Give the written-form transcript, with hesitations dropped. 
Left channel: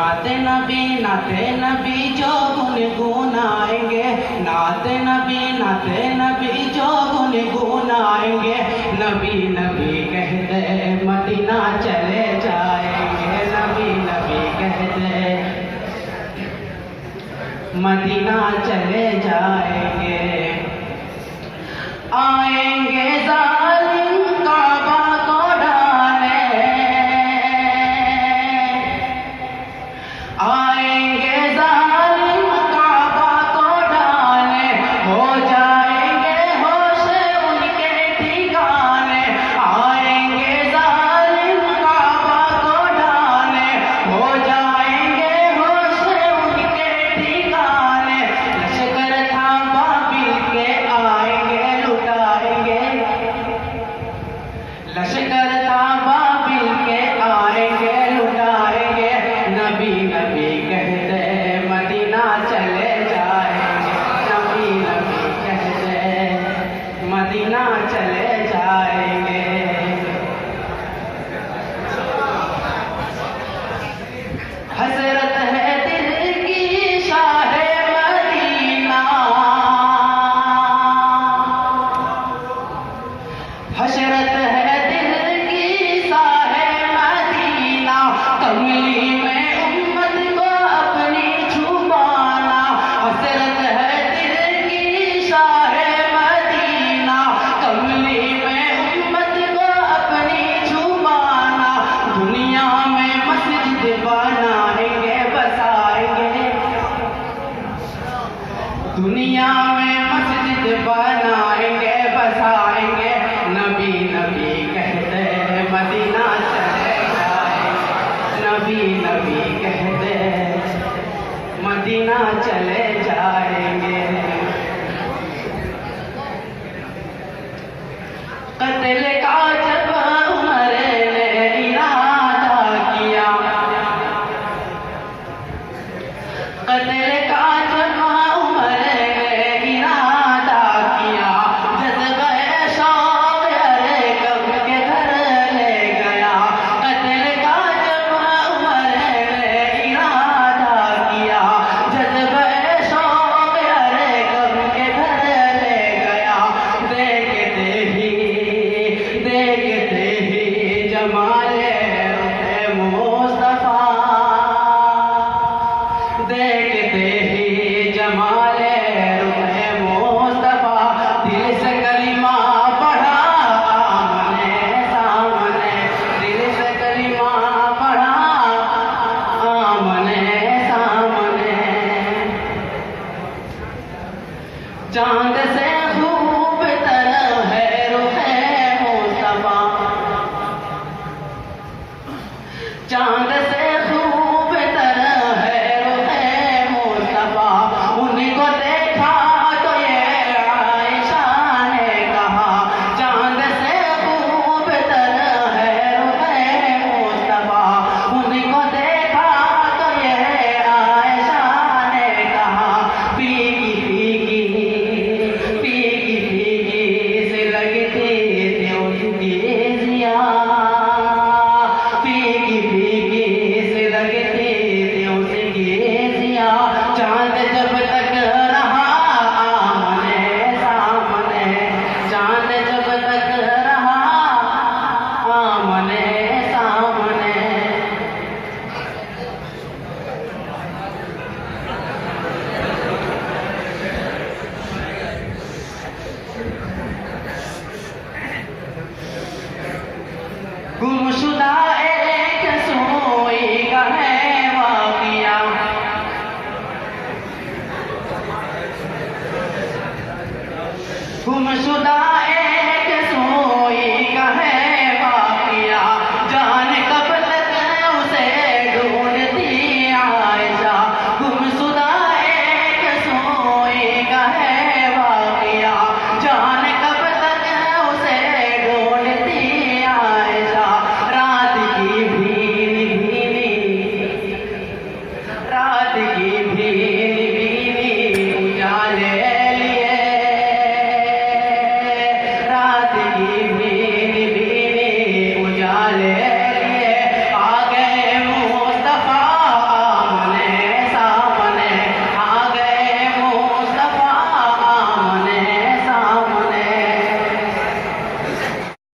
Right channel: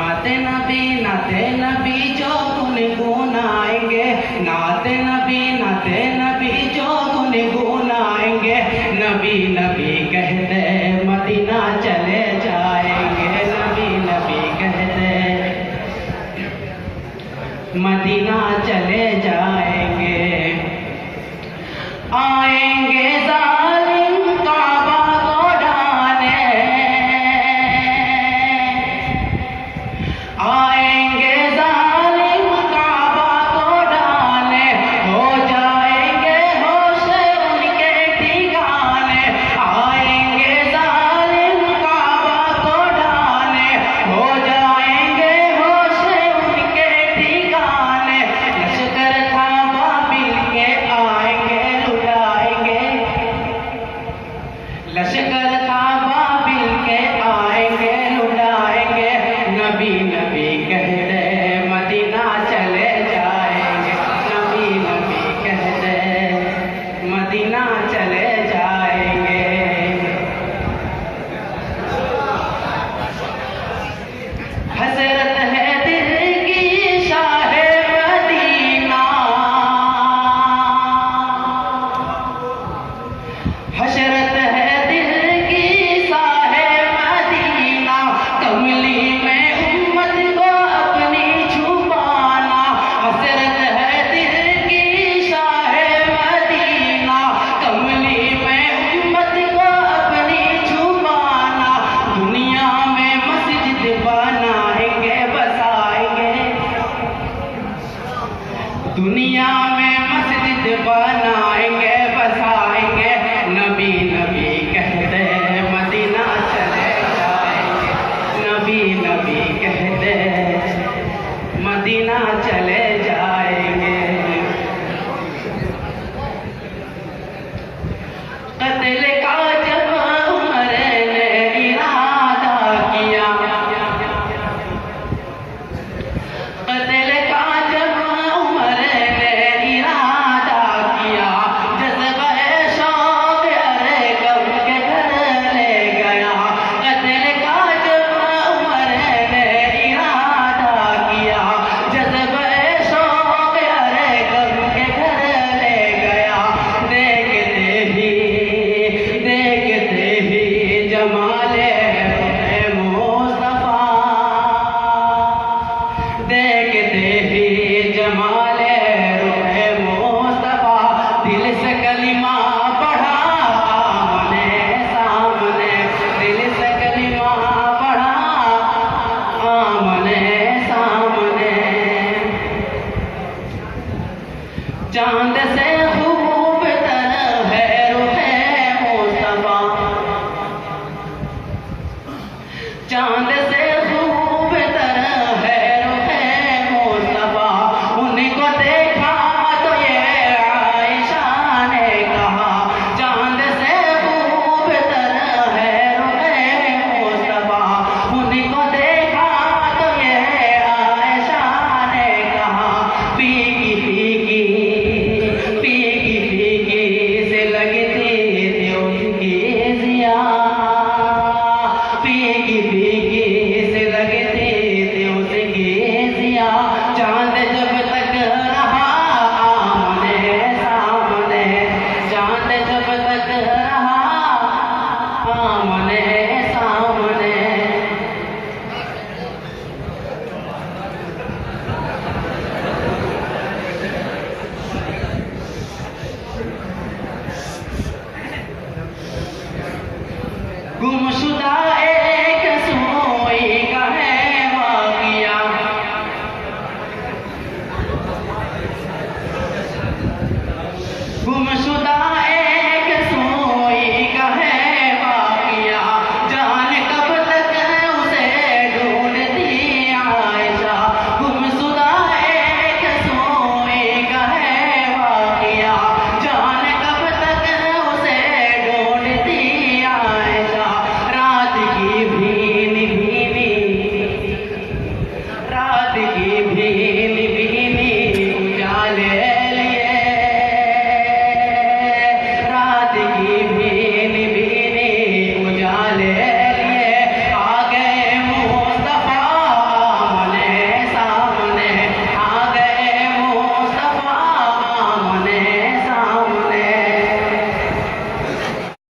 नाते नबी जो गुनगुनाएंगे, नाते नबी जो गुनगुनाएंगे, नबी नबी कहते मदीना चले जाएंगे, नबी कहते मदीना चले जाएंगे। आएंगे जालिम काबा को ढाने, आएंगे जालिम काबा को ढाने, हो जाएंगे होश उनके ठिकाने। आएंगे जालिम काबा को ढाने, हो जाएंगे होश उनके ठिकाने। लश्कर था बाबिल के आएंगे लुटाएंगे, लश्कर था बाबिल के आएंगे लुटाएंगे, नबी नबी कहते मदीना चले जाएंगे, नबी कहते मदीना चले जाएंगे। हसरत है दिल की शाहे मदीना, हसरत है दिल की शाहे मदीना, कमली में उम्मत को अपनी छुपाना। हसरत है दिल की शाहे मदीना, कमली में उम्मत को अपनी छुपाना। दुनिया में मस्जिद बनाएंगे बसाएंगे, दुनिया में मस्जिद बनाएंगे बसाएंगे, नबी नबी कहते मदीना चले जाएंगे, नबी कहते मदीना चले जाएंगे। कत्ल का जब उमर ने इरादा किया, कत्ल का जब उमर ने इरादा किया, जज्बे शौक अरे गम के घर ले गया। कत्ल का जब उमर ने इरादा किया, जज्बे शौक अरे गम के घर ले गया। देखते ही जमाले मुस्तफा, देखते ही जमाले रुखे मुस्तफा, दिल से कलिमा पढ़ा आमने सामने, दिल से कलिमा पढ़ा आमने सामने। चांद से खूब तरह है रुखे मुस्तफा, चांद से खूब तरह है रुखे मुस्तफा। उनको देखा तो ये आयशा ने कहा, चांद से खूब तरह है रुखे मुस्तफा। उनको देखा तो ये आयशा ने कहा, फीकी से लगती थी उसकी जिया, फीकी से लगती थी उसकी जिया। चांद जब तक रहा आमने सामने, चांद जब तक रहा आमने सामने। गुमशुदा एक सोई का है वाक़िया, गुमशुदा